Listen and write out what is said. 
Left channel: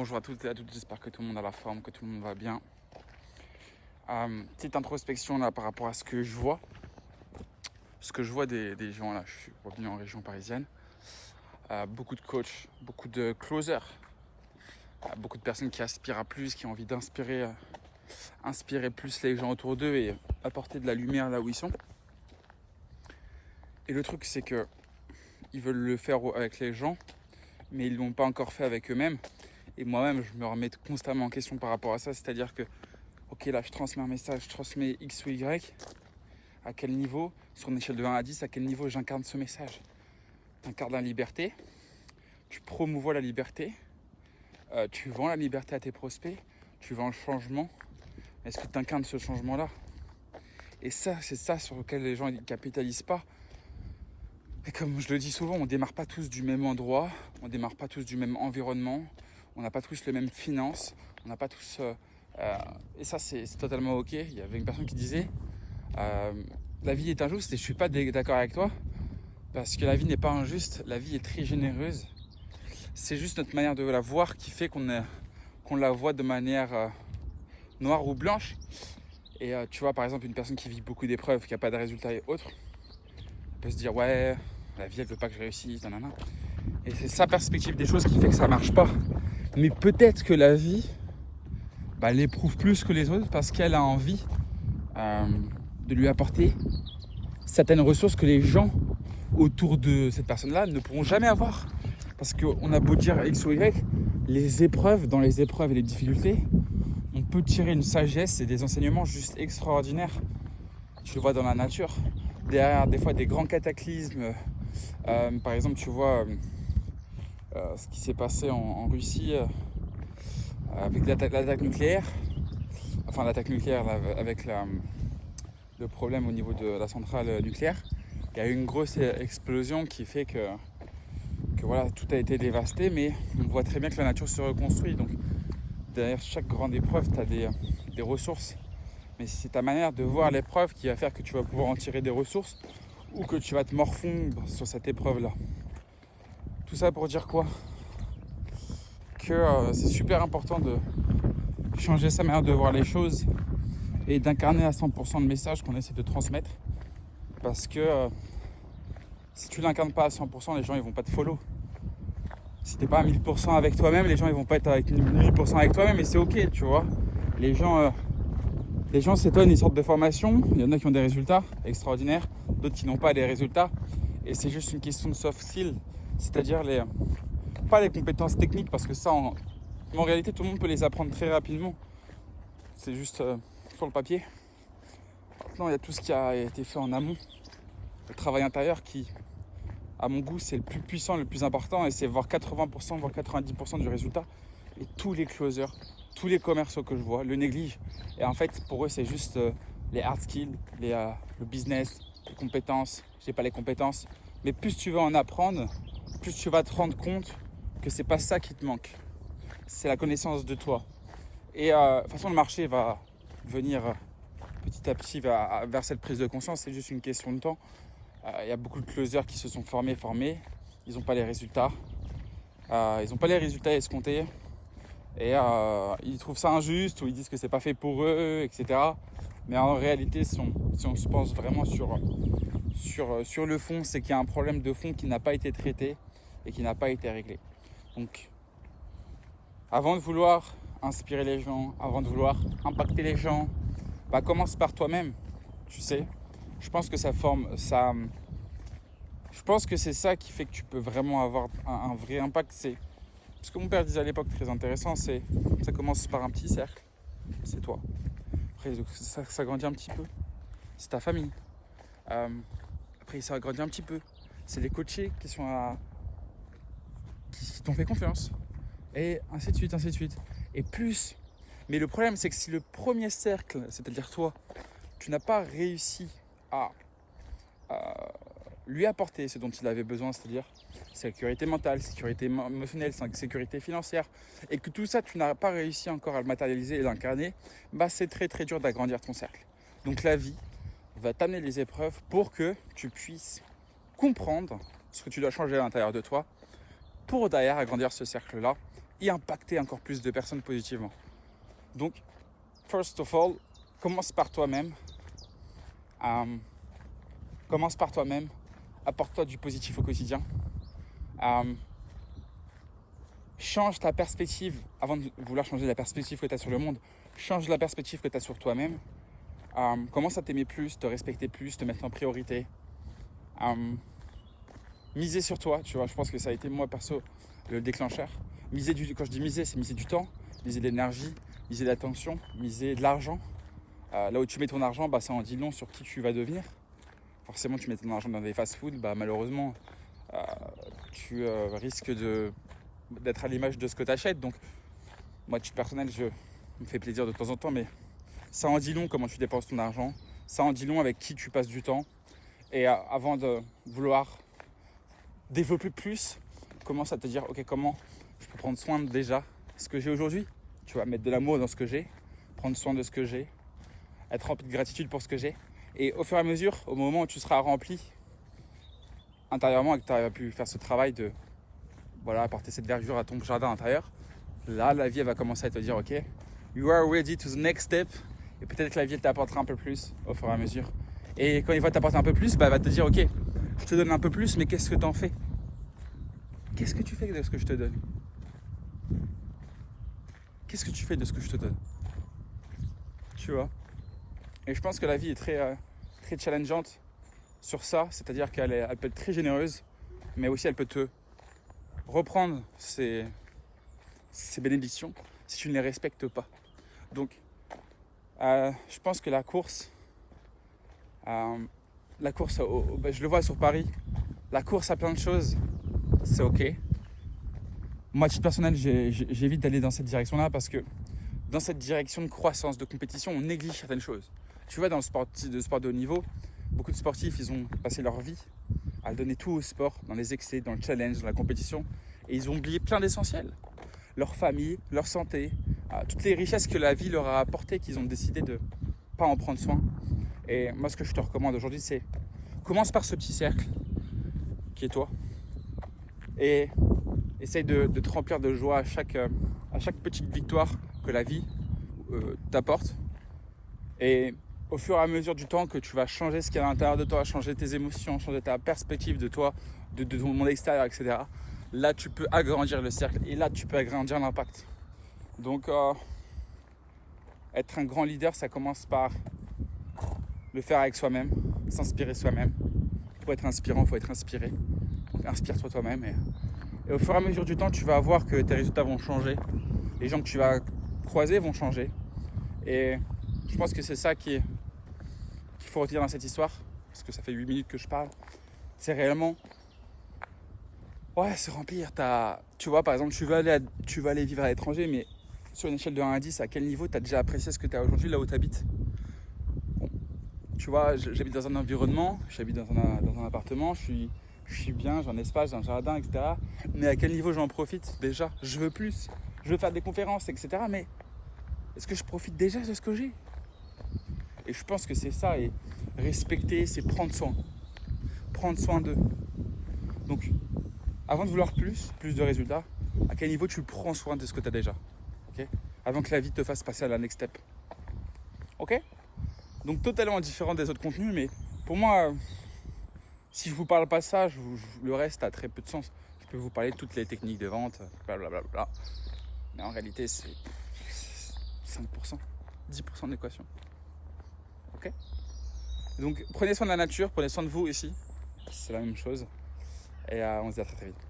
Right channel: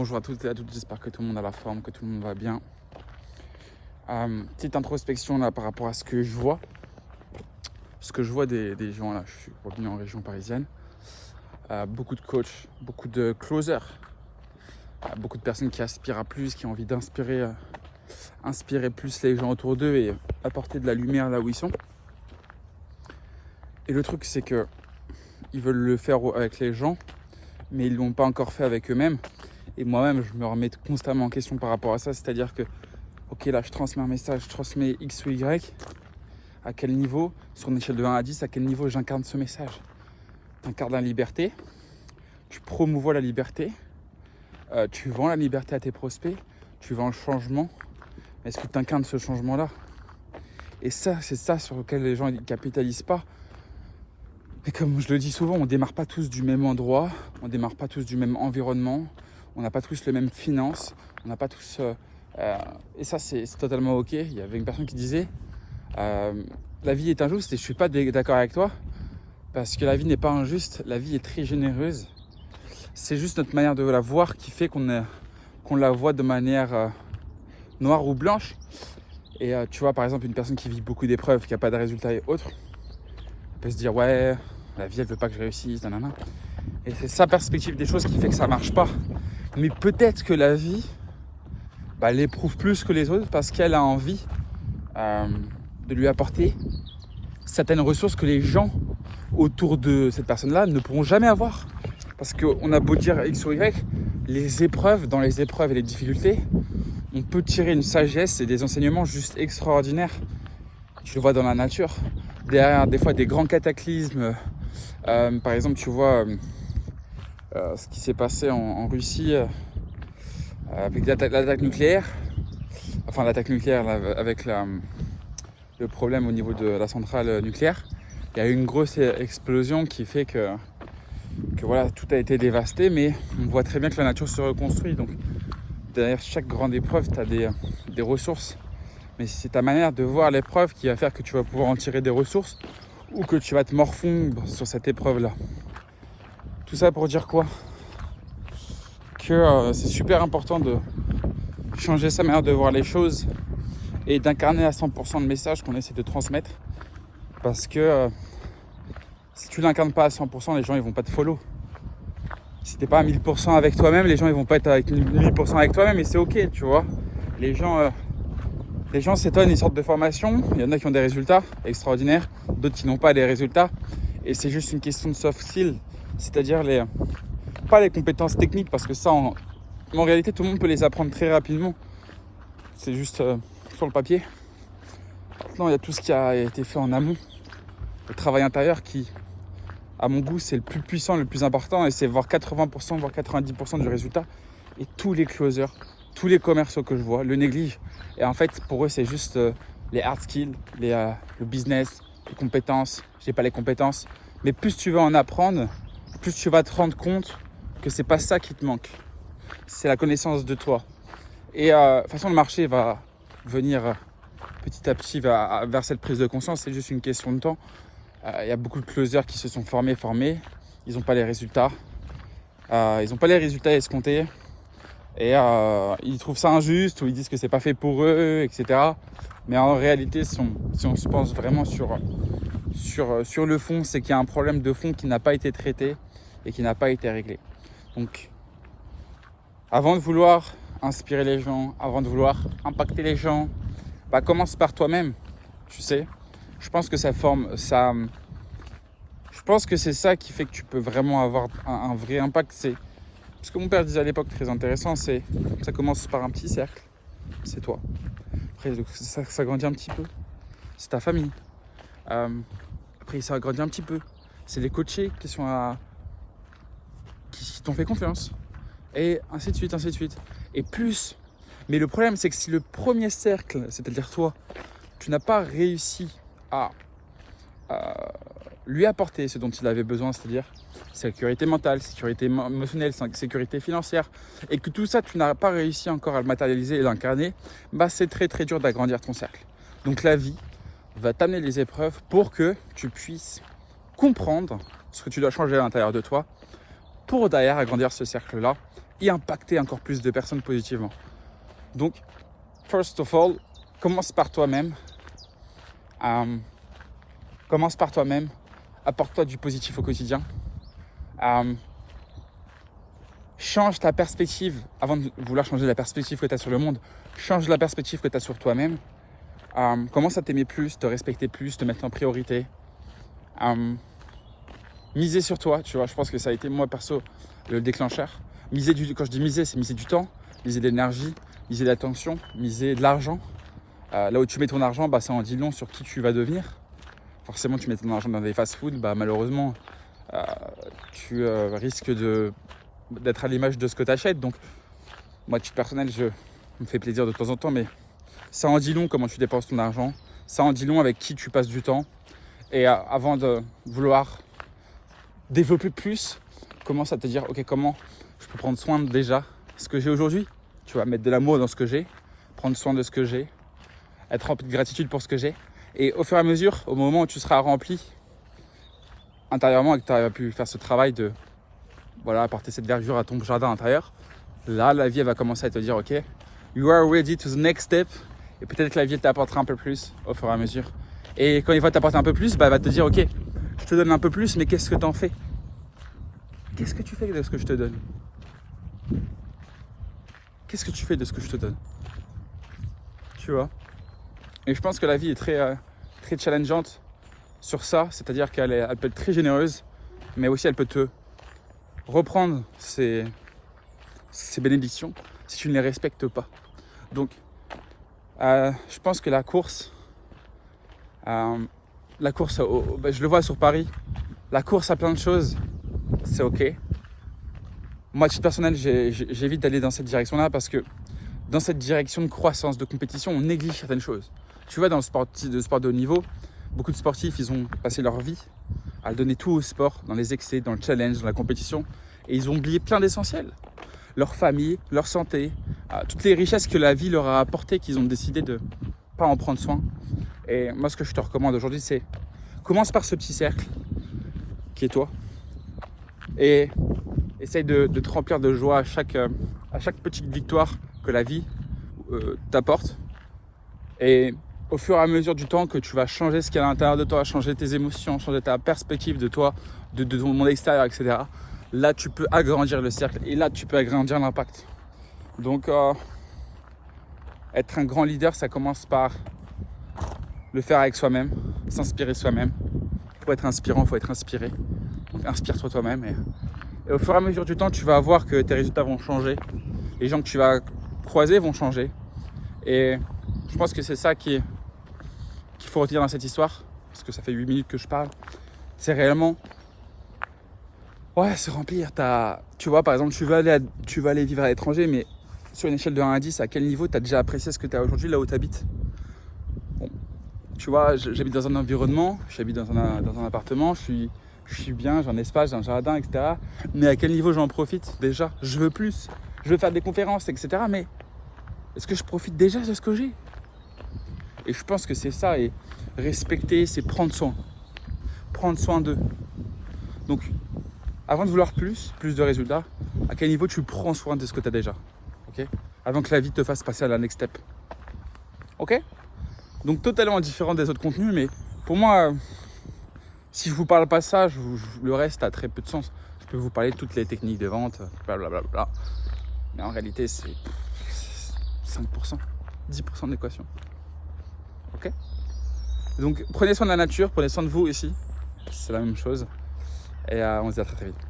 Bonjour à toutes et à toutes, j'espère que tout le monde a la forme, que tout le monde va bien. Petite introspection là par rapport à ce que je vois. Ce que je vois des gens là, je suis revenu en région parisienne. Beaucoup de coachs, beaucoup de closers, beaucoup de personnes qui aspirent à plus, qui ont envie d'inspirer inspirer plus les gens autour d'eux et apporter de la lumière là où ils sont. Et le truc c'est que ils veulent le faire avec les gens, mais ils ne l'ont pas encore fait avec eux-mêmes. Et moi-même, je me remets constamment en question par rapport à ça. C'est-à-dire que, ok, là, je transmets un message, je transmets X ou Y. À quel niveau, sur une échelle de 1 à 10, à quel niveau j'incarne ce message? Tu incarnes la liberté, tu promouvois la liberté, tu vends la liberté à tes prospects, tu vends le changement. Est-ce que tu incarnes ce changement-là? Et ça, c'est ça sur lequel les gens ne capitalisent pas. Et comme je le dis souvent, on ne démarre pas tous du même endroit, on ne démarre pas tous du même environnement, on n'a pas tous les mêmes finances, on n'a pas tous... et ça, c'est totalement ok. Il y avait une personne qui disait la vie est injuste et je ne suis pas d'accord avec toi parce que la vie n'est pas injuste, la vie est très généreuse. C'est juste notre manière de la voir qui fait qu'on la voit de manière noire ou blanche. Et tu vois, par exemple, une personne qui vit beaucoup d'épreuves, qui n'a pas de résultats et autres, peut se dire ouais, la vie elle veut pas que je réussisse, nanana. Et c'est sa perspective des choses qui fait que ça marche pas. Mais peut-être que la vie, elle éprouve plus que les autres parce qu'elle a envie de lui apporter certaines ressources que les gens autour de cette personne-là ne pourront jamais avoir. Parce qu'on a beau dire X ou Y, les épreuves, dans les épreuves et les difficultés, on peut tirer une sagesse et des enseignements juste extraordinaires. Tu le vois dans la nature. Derrière des fois des grands cataclysmes, par exemple tu vois ce qui s'est passé en Russie avec l'attaque nucléaire, enfin l'attaque nucléaire avec le problème au niveau de la centrale nucléaire. Il y a eu une grosse explosion qui fait que voilà, tout a été dévasté, mais on voit très bien que la nature se reconstruit. Donc derrière chaque grande épreuve, tu as des ressources. Mais c'est ta manière de voir l'épreuve qui va faire que tu vas pouvoir en tirer des ressources ou que tu vas te morfondre sur cette épreuve-là. Tout ça pour dire quoi? Que c'est super important de changer sa manière de voir les choses et d'incarner à 100% le message qu'on essaie de transmettre. Parce que si tu l'incarnes pas à 100%, les gens ils vont pas te follow. Si t'es pas à 1000% avec toi-même, les gens ils vont pas être avec 1000% avec toi-même et c'est ok, tu vois. Les gens s'étonnent, ils sortent de formation, il y en a qui ont des résultats extraordinaires, d'autres qui n'ont pas des résultats. Et c'est juste une question de soft skills, c'est-à-dire pas les compétences techniques, parce que ça, en réalité, tout le monde peut les apprendre très rapidement. C'est juste sur le papier. Maintenant, il y a tout ce qui a été fait en amont. Le travail intérieur qui, à mon goût, c'est le plus puissant, le plus important, et c'est voir 80%, voire 90% du résultat. Et tous les closers, tous les commerciaux que je vois le négligent. Et en fait, pour eux, c'est juste les hard skills, le business, les compétences. Je n'ai pas les compétences. Mais plus tu vas en apprendre, plus tu vas te rendre compte que c'est pas ça qui te manque. C'est la connaissance de toi. Et de toute façon, le marché va venir petit à petit vers cette prise de conscience. C'est juste une question de temps. Il y a beaucoup de closers qui se sont formés. Ils n'ont pas les résultats. Ils n'ont pas les résultats escomptés. Et ils trouvent ça injuste ou ils disent que c'est pas fait pour eux, etc. Mais en réalité, si on se pense vraiment sur le fond, c'est qu'il y a un problème de fond qui n'a pas été traité et qui n'a pas été réglé. Donc, avant de vouloir inspirer les gens, avant de vouloir impacter les gens, commence par toi-même, tu sais. Je pense que je pense que c'est ça qui fait que tu peux vraiment avoir un vrai impact. C'est ce que mon père disait à l'époque, très intéressant, c'est ça commence par un petit cercle, c'est toi. Après, ça grandit un petit peu, c'est ta famille. Après, ça grandit un petit peu, c'est des coachés qui t'ont fait confiance. Et ainsi de suite, ainsi de suite. Et plus. Mais le problème, c'est que si le premier cercle, c'est-à-dire toi, tu n'as pas réussi à lui apporter ce dont il avait besoin, c'est-à-dire sécurité mentale, sécurité émotionnelle, sécurité financière, et que tout ça, tu n'as pas réussi encore à le matérialiser et l'incarner, c'est très très dur d'agrandir ton cercle. Donc la vie va t'amener les épreuves pour que tu puisses comprendre ce que tu dois changer à l'intérieur de toi pour derrière agrandir ce cercle-là et impacter encore plus de personnes positivement. Donc, first of all, commence par toi-même. Commence par toi-même. Apporte-toi du positif au quotidien. Change ta perspective avant de vouloir changer la perspective que tu as sur le monde. Change la perspective que tu as sur toi-même. Commence à t'aimer plus, te respecter plus, te mettre en priorité. Miser sur toi, tu vois, je pense que ça a été moi perso le déclencheur. Quand je dis miser, c'est miser du temps, miser de l'énergie, miser de l'attention, miser de l'argent. Là où tu mets ton argent, ça en dit long sur qui tu vas devenir. Forcément, tu mets ton argent dans des fast-food, malheureusement, tu risques d'être à l'image de ce que tu achètes. Donc, moi, à titre personnel, je me fais plaisir de temps en temps, mais ça en dit long comment tu dépenses ton argent. Ça en dit long avec qui tu passes du temps. Et avant de vouloir développer plus, commence à te dire, ok, comment je peux prendre soin de déjà ce que j'ai aujourd'hui. Tu vas mettre de l'amour dans ce que j'ai, prendre soin de ce que j'ai, être rempli de gratitude pour ce que j'ai. Et au fur et à mesure, au moment où tu seras rempli intérieurement et que tu auras pu faire ce travail de apporter cette verdure à ton jardin intérieur, là, la vie elle va commencer à te dire, ok, you are ready to the next step. Et peut-être que la vie elle t'apportera un peu plus au fur et à mesure. Et quand il va t'apporter un peu plus, elle va te dire, ok, je te donne un peu plus, mais qu'est-ce que tu en fais? Qu'est-ce que tu fais de ce que je te donne? Qu'est-ce que tu fais de ce que je te donne? Tu vois? Et je pense que la vie est très challengeante sur ça, c'est-à-dire qu'elle peut être très généreuse, mais aussi elle peut te reprendre ses bénédictions si tu ne les respectes pas. Donc, je pense que la course, je le vois sur Paris, la course à plein de choses, c'est ok. Moi, à titre personnel, j'évite d'aller dans cette direction-là parce que dans cette direction de croissance, de compétition, on néglige certaines choses. Tu vois, dans le sport de haut niveau, beaucoup de sportifs, ils ont passé leur vie à donner tout au sport, dans les excès, dans le challenge, dans la compétition, et ils ont oublié plein d'essentiels. Leur famille, leur santé, toutes les richesses que la vie leur a apportées, qu'ils ont décidé de ne pas en prendre soin. Et moi, ce que je te recommande aujourd'hui, c'est commence par ce petit cercle qui est toi et essaye de te remplir de joie à chaque petite victoire que la vie t'apporte. Et au fur et à mesure du temps que tu vas changer ce qu'il y a à l'intérieur de toi, changer tes émotions, changer ta perspective de toi, de ton monde extérieur, etc. Là, tu peux agrandir le cercle et là, tu peux agrandir l'impact. Donc, être un grand leader, ça commence par le faire avec soi-même, s'inspirer soi-même. Pour être inspirant, il faut être inspiré. Donc, inspire-toi toi-même. Et au fur et à mesure du temps, tu vas voir que tes résultats vont changer. Les gens que tu vas croiser vont changer. Et je pense que c'est ça qu'il faut retenir dans cette histoire. Parce que ça fait 8 minutes que je parle. C'est réellement... se remplir. Tu vois, par exemple, tu vas aller vivre à l'étranger, mais sur une échelle de 1 à 10, à quel niveau tu as déjà apprécié ce que tu as aujourd'hui, là où tu habites? Tu vois, j'habite dans un environnement, j'habite dans un appartement, je suis bien, j'ai un espace, j'ai un jardin, etc. Mais à quel niveau j'en profite déjà? Je veux plus, je veux faire des conférences, etc. Mais est-ce que je profite déjà de ce que j'ai? Et je pense que c'est ça, et respecter, c'est prendre soin d'eux. Donc, avant de vouloir plus de résultats, à quel niveau tu prends soin de ce que tu as déjà, okay? Avant que la vie te fasse passer à la next step. Ok? Donc totalement différent des autres contenus, mais pour moi, si je vous parle pas ça, le reste a très peu de sens. Je peux vous parler de toutes les techniques de vente, blablabla. Mais en réalité, c'est 5%, 10% d'équation. Ok? Donc prenez soin de la nature, prenez soin de vous ici. C'est la même chose. Et on se dit à très vite.